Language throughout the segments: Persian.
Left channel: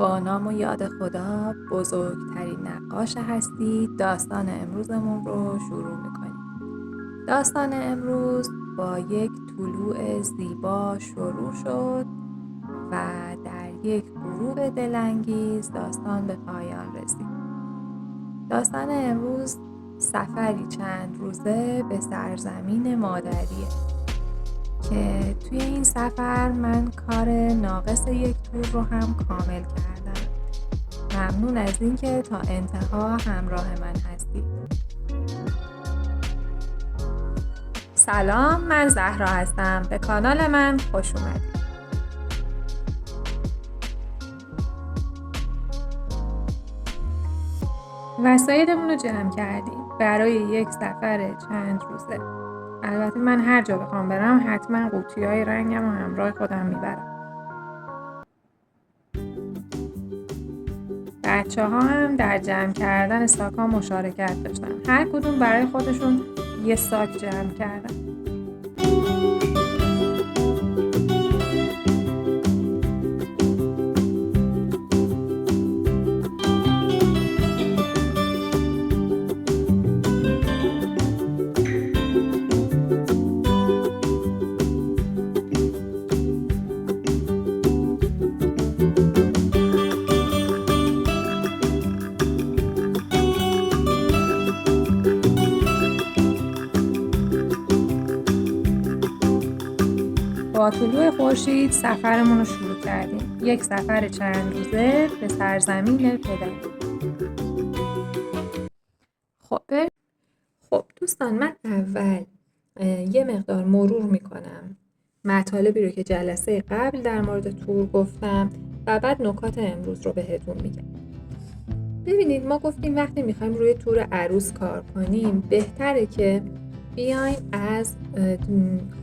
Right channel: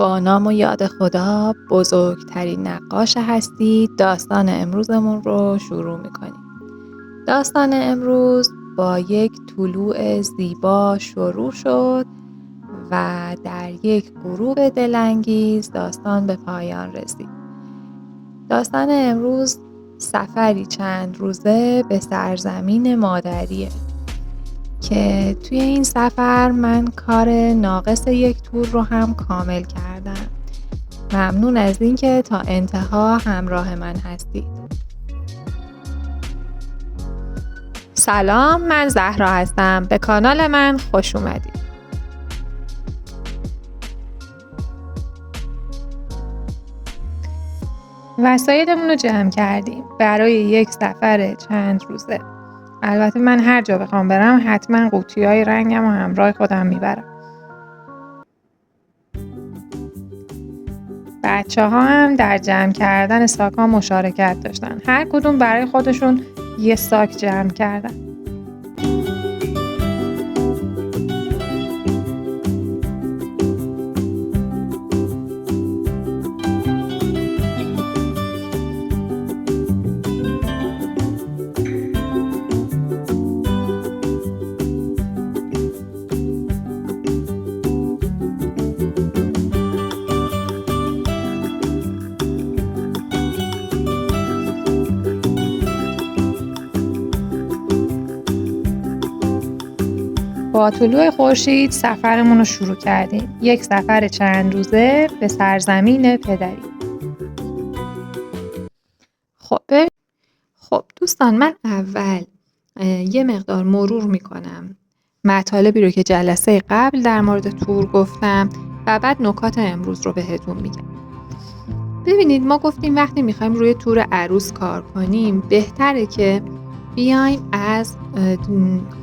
با نام و یاد خدا، بزرگترین نقاش هستی، داستان امروزمون رو شروع میکنیم. داستان امروز با یک طلوع زیبا شروع شد و در یک غروب دلانگیز داستان به پایان رسید. داستان امروز سفری چند روزه به سرزمین مادریه که توی این سفر من کار ناقص یک تور رو هم کامل کردم. ممنون از اینکه تا انتها همراه من هستید. سلام، من زهرا هستم. به کانال من خوش اومدید. وسایلمون رو جمع کردیم برای یک سفر چند روزه. البته من هر جا بخوام برم حتما قوطی‌های رنگم و همراه خودم میبرم. بچه‌ها هم در جمع کردن ساک‌ها مشارکت داشتن. هر کدوم برای خودشون یه ساک جمع کردن. با طلوع خورشید سفرمون رو شروع کردیم. یک سفر چند روزه به سرزمین پدری. خب دوستان، من اول یه مقدار مرور میکنم مطالبی رو که جلسه قبل در مورد تور گفتم و بعد نکات امروز رو بهتون میگم. ببینید، ما گفتیم وقتی میخوایم روی تور عروس کار کنیم بهتره که بیایم از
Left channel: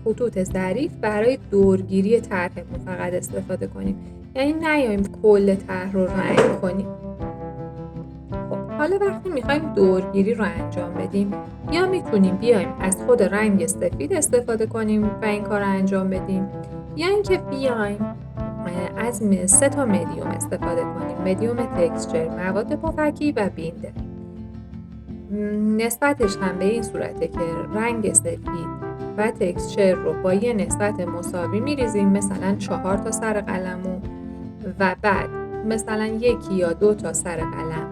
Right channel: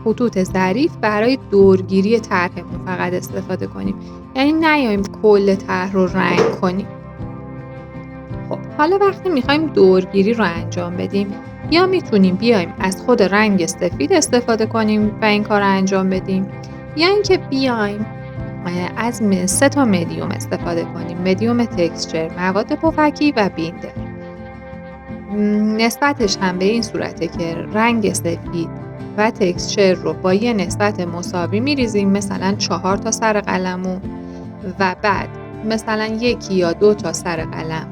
خطوط ظریف برای دورگیری طرحمون فقط استفاده کنیم، یعنی نیایم کل طرح رو رنگ کنیم. خب حالا وقتی میخوایم دورگیری رو انجام بدیم، یا میتونیم بیایم از خود رنگ سفید استفاده کنیم و این کار رو انجام بدیم، یا اینکه بیایم از 3 مدیوم استفاده کنیم: مدیوم تکسچر، مواد پفکی و بیندر. نسبتش هم به این صورته که رنگ سفید و تکسچر رو با یه نسبت مساوی میریزیم، مثلا 4 تا سر قلمو، و بعد مثلا 1 یا 2 تا سر قلم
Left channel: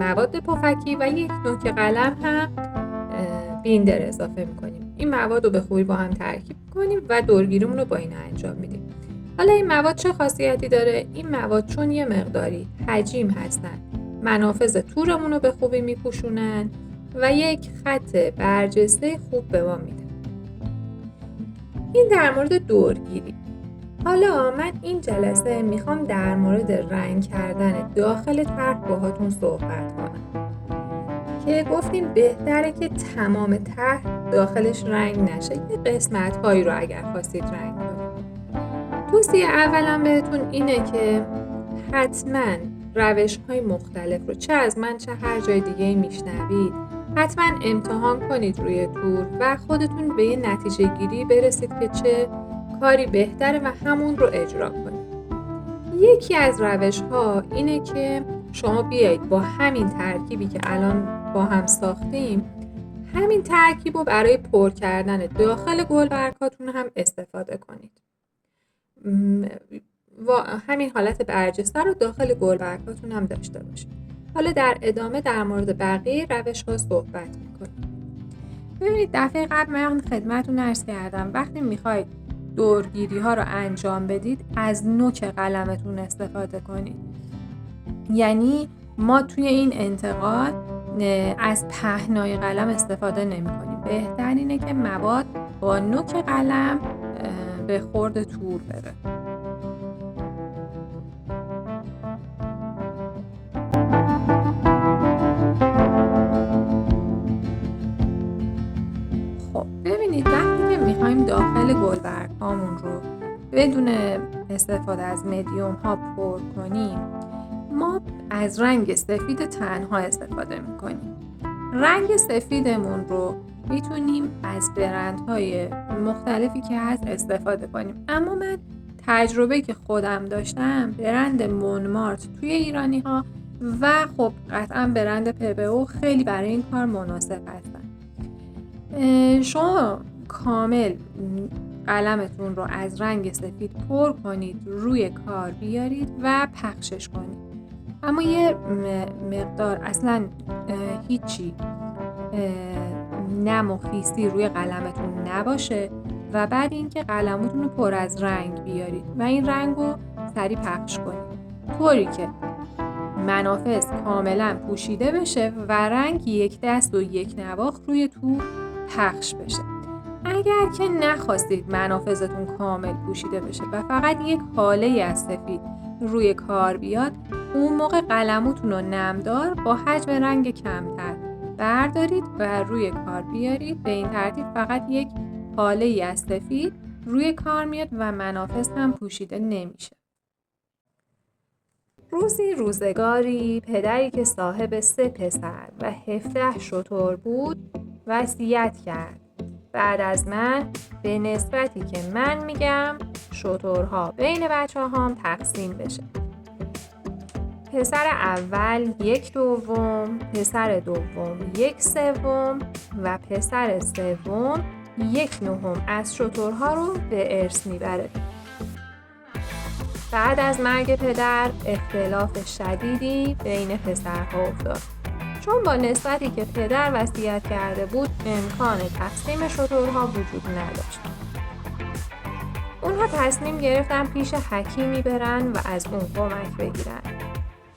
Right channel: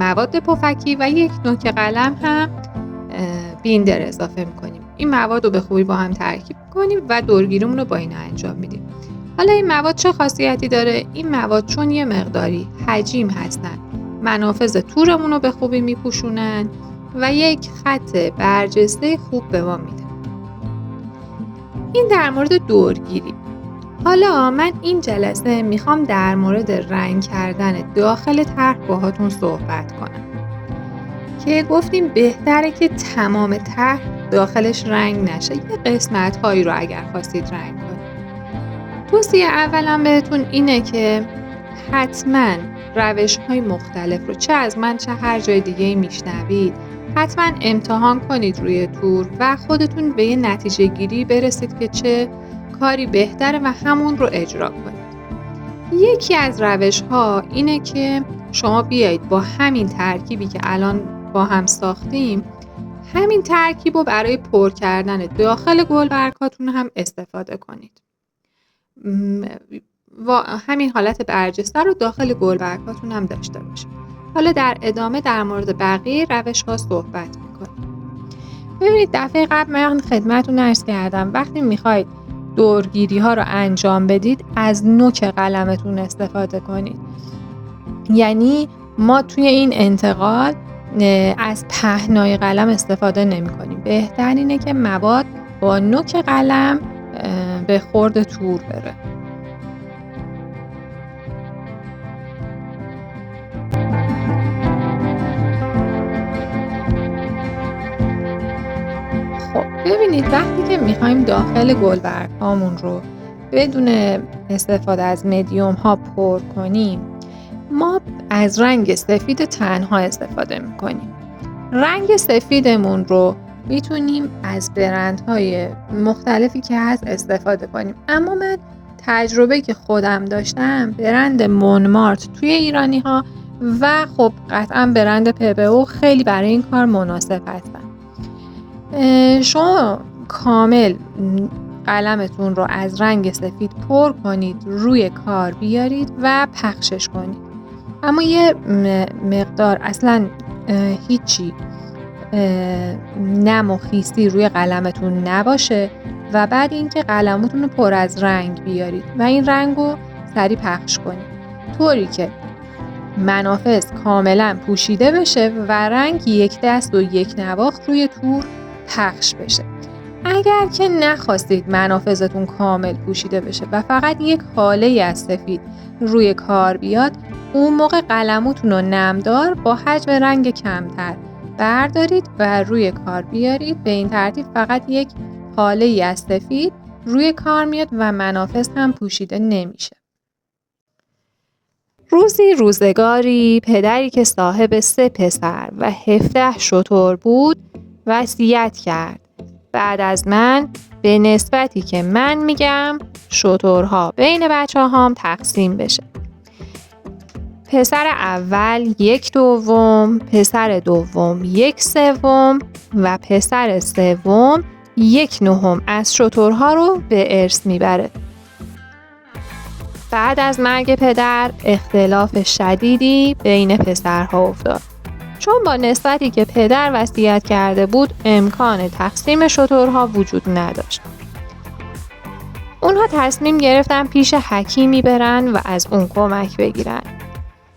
مواد پفکی و 1 نوک قلم هم بیندر اضافه میکنیم. این مواد رو به خوبی با هم ترکیب کنیم و دورگیریمون رو با اینا انجام میدیم. حالا این مواد چه خاصیتی داره؟ این مواد چون یه مقداری حجیم هستن، منافذ تورمون رو به خوبی میپوشونن و یک خط برجسته خوب به ما میدن. این در مورد دورگیری. حالا من این جلسه میخوام در مورد رنگ کردن داخل طرح باهاتون صحبت کنم که گفتیم بهتره که تمام طرح داخلش رنگ نشه، یه قسمت هایی رو اگر خواستید رنگ کنید. توصیه اولم بهتون اینه که حتما روش های مختلف رو چه از من چه هر جای دیگه میشنوید حتما امتحان کنید روی تور و خودتون به یه نتیجه گیری برسید که چه کاری بهتره و همون رو اجرا کنید. یکی از روش ها اینه که شما بیایید با همین ترکیبی که الان با هم ساختیم، همین ترکیب رو برای پر کردن داخل گلبرگ‌هاتون هم استفاده کنید و همین حالت برجسته رو داخل گلبرگ‌هاتون هم داشته باشید. حالا در ادامه در مورد بقیه روش‌ها صحبت می‌کنیم. ببینید، دفعه قبل من خدمتتون عرض کردم وقتی می‌خواید دورگیری‌ها رو انجام بدید از نوک قلمتون استفاده کنید. یعنی ما توی این انتقال از پهنای قلم استفاده نمی‌کنیم. بهتر اینه که مواد با نوک قلم به خورد تور بره. خب ببینید، وقتی که میخوایم داخل گلبرگ هامون رو بدون استفاده از مدیوم ها پر کنیم، ما از رنگ سفید تنها استفاده میکنیم. رنگ سفیدمون رو میتونیم از برندهای مختلفی که هست استفاده کنیم، اما من تجربه که خودم داشتم برند مونمارت توی ایرانی ها و خب قطعا برند پبو خیلی برای این کار مناسب هستن. شما کامل قلمتون رو از رنگ سفید پر کنید، روی کار بیارید و پخشش کنید. اما یه مقدار اصلا هیچی نم و خیسی روی قلمتون نباشه و بعد اینکه قلمتون رو پر از رنگ بیارید و این رنگ رو سریع پخش کنید طوری که منافذ کاملا پوشیده بشه و رنگ یک دست و یک نواخت روی تور پخش بشه. اگر که نخواستید منافذتون کامل پوشیده بشه و فقط یک هاله از سفید روی کار بیاد، اون موقع قلمتون رو نمدار با حجم رنگ کمتر بردارید و روی کار بیارید. به این ترتیب فقط یک هاله از سفید روی کار میاد و منافذ هم پوشیده نمیشه. روزی روزگاری پدری که صاحب 3 پسر و 17 شتر بود وصیت کرد: بعد از من به نسبتی که من میگم شترها بین بچه‌هام تقسیم بشه. پسر اول 1/2، پسر دوم 1/3 و پسر سوم 1/9 از شترها رو به ارث میبره. بعد از مرگ پدر اختلاف شدیدی بین پسرها افتاد، چون با نسبتی که پدر وصیت کرده بود امکان تقسیم شترها وجود نداشت. اونها تصمیم گرفتن پیش حکیمی برن و از اون کمک بگیرن.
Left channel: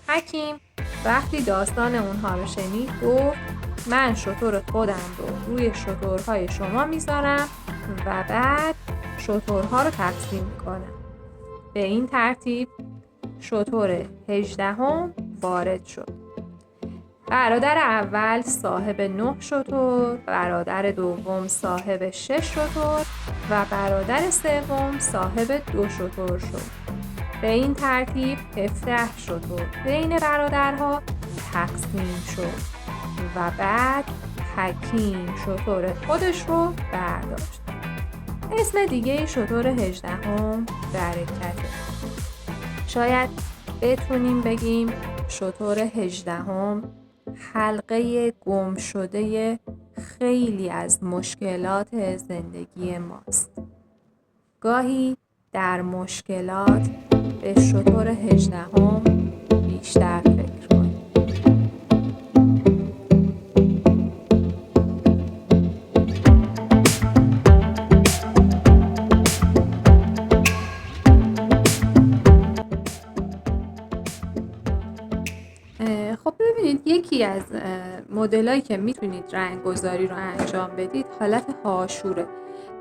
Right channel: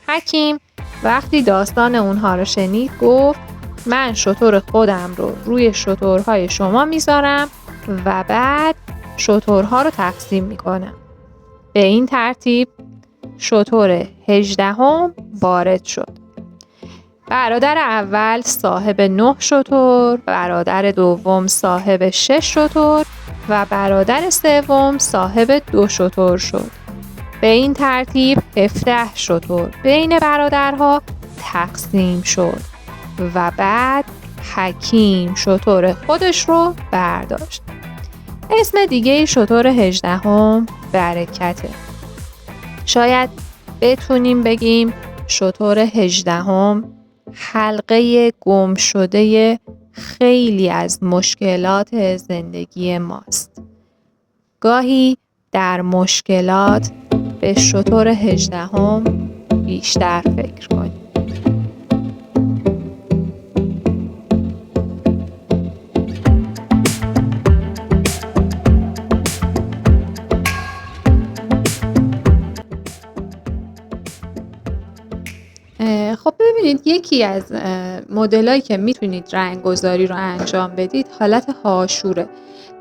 حکیم وقتی داستان اونها رو شنید گفت: من شتر خودم رو روی شترهای شما میذارم و بعد شترها رو تقسیم میکنم. به این ترتیب شتر 18 وارد شد. برادر اول صاحب 9 شتر، برادر دوم صاحب 6 شتر و برادر سوم صاحب 2 شتر شد. به این ترتیب 17 شتر بین برادرها تقسیم شد و بعد حکیم شتر خودش رو برداشت. اسم دیگه شتر 18 برکته. شاید بتونیم بگیم شتر 18 حلقه گم شده خیلی از مشکلات زندگی ماست. گاهی در مشکلات به شتر 18 بیشتر فکر کنیم. خب ببینید، یکی از مدلایی که میتونید رنگ گذاری رو انجام بدید حالت هاشوره.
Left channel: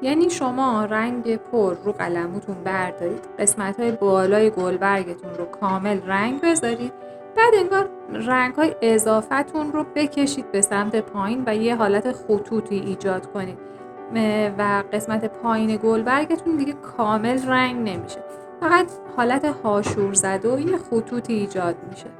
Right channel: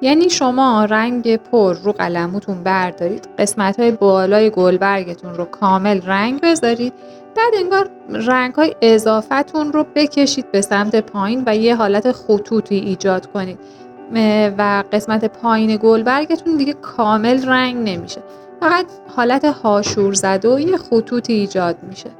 یعنی شما رنگ پر رو قلمتون بردارید، قسمت‌های بالای گلبرگتون رو کامل رنگ بذارید، بعد انگار رنگ‌های اضافتون رو بکشید به سمت پایین و یه حالت خطوطی ایجاد کنید و قسمت پایین گلبرگتون دیگه کامل رنگ نمیشه، فقط حالت هاشور زده و یه خطوطی ایجاد میشه.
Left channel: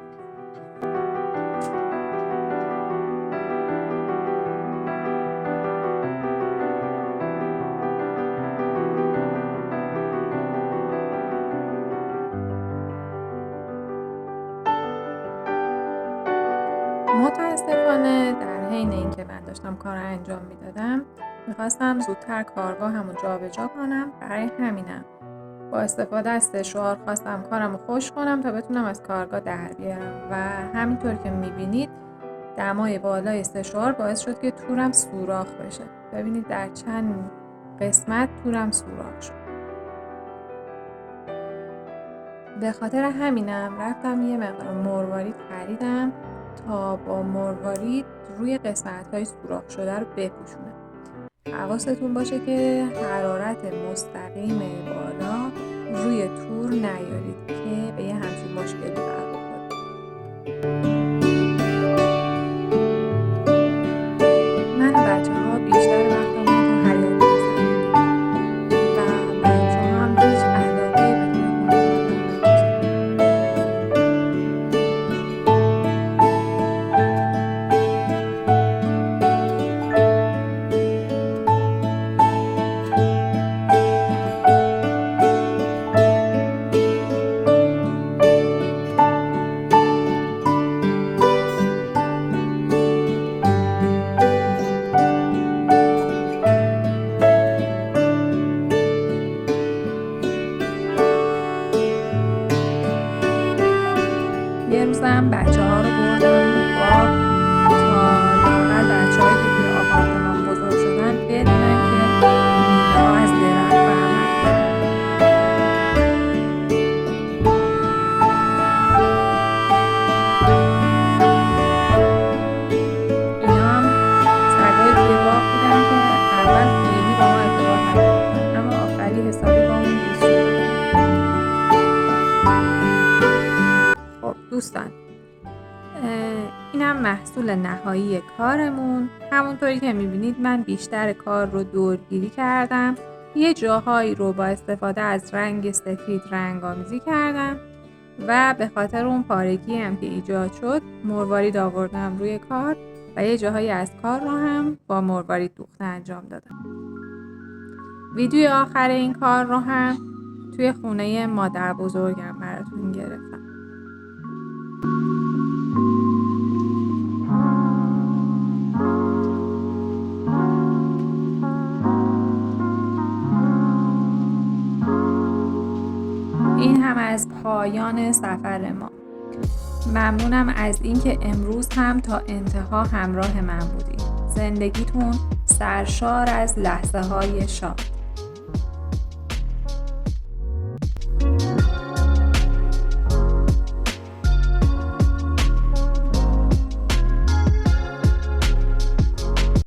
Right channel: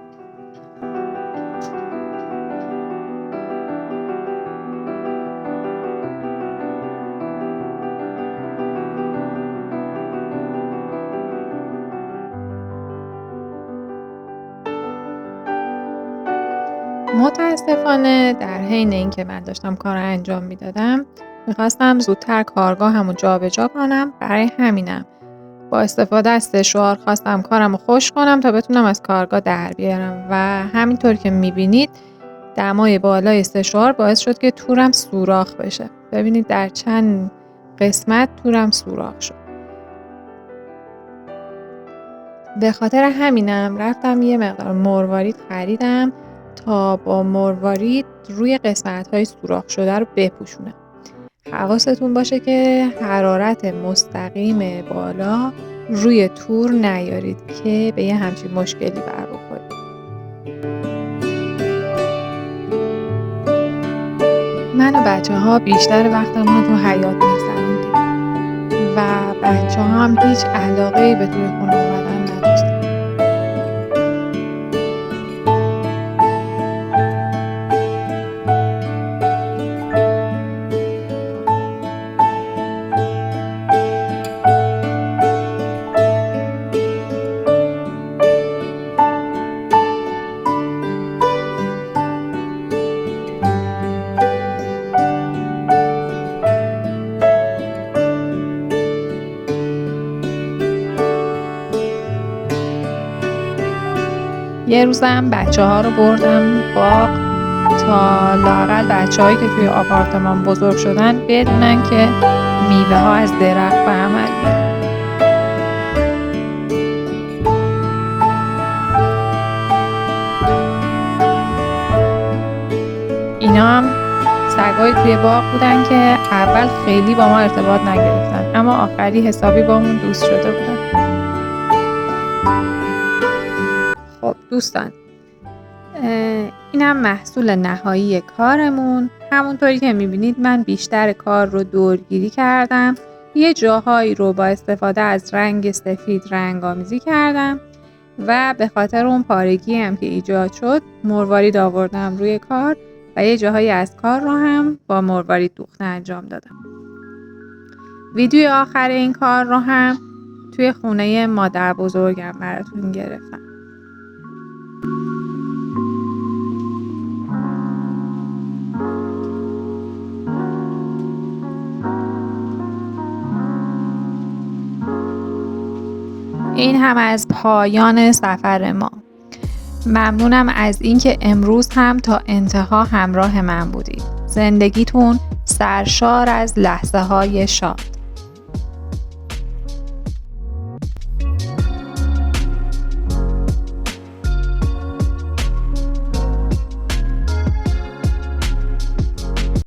متاسفانه در حین اینکه من داشتم کار رو انجام میدادم میخواستم زودتر کارگاهمو جابجا کنم. برای همینم با استفاده از سشوار خواستم کارم رو خوش کنم تا بتونم از کارگاه در بیارم و همینطور که میبینید دمای بالای سشوار باعث شد که تورم سوراخ بشه. ببینید در چند قسمت تورم سوراخ شد. به خاطر همینم رفتم یه مقدار مروارید خریدم تا با مروارید روی قسمت‌های سوراخ شده رو بپوشونم. حواستون باشه که حرارت مستقیم بالا روی تور نیارید که به یه همچین مشکلی بر بخورید. من و بچه‌ها بیشتر وقتمون رو تو حیاط می‌گذروندیم و بچه‌ها هم هیچ علاقه‌ای به توی خونه اومدن نداشتن. یه روزم بچه‌ها رو بردم باغ تا لااقل بچه‌هایی که توی آپارتمان بزرگ شدن بدونن که میوه‌ها از درخت به عمل میاد. اینا هم سگای توی باغ بودن که اول خیلی با ما ارتباط نگرفتن، اما آخری حسابی با اون دوست شده بودن. خب دوستان، اینم محصول نهایی کارمون. همونطوری که میبینید من بیشتر کار رو دورگیری کردم. یه جاهایی رو با استفاده از رنگ سفید رنگ‌آمیزی کردم و به خاطر اون پارگی هم که ایجاد شد مروارید آوردم روی کار و یه جاهایی از کار رو هم با مروارید دوخته انجام دادم. ویدیو آخر این کار رو هم توی خونه مادر بزرگم براتون گرفتم. این هم از پایان سفر ما. ممنونم از اینکه امروز هم تا انتها همراه من بودید. زندگیتون سرشار از لحظه‌های شاد.